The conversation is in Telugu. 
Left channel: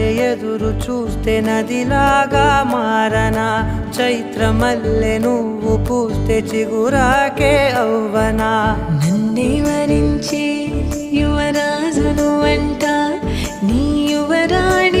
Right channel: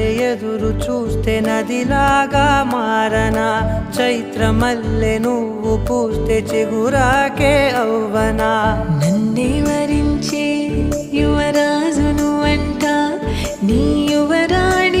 వలె ఎదురు చూస్తే నదిలాగా మారనా, చైత్రమల్లె నువ్వు పూస్తే చిగురాకే అవ్వనా. నన్నే వరించే యువరాజును అంట నీ యువరాణి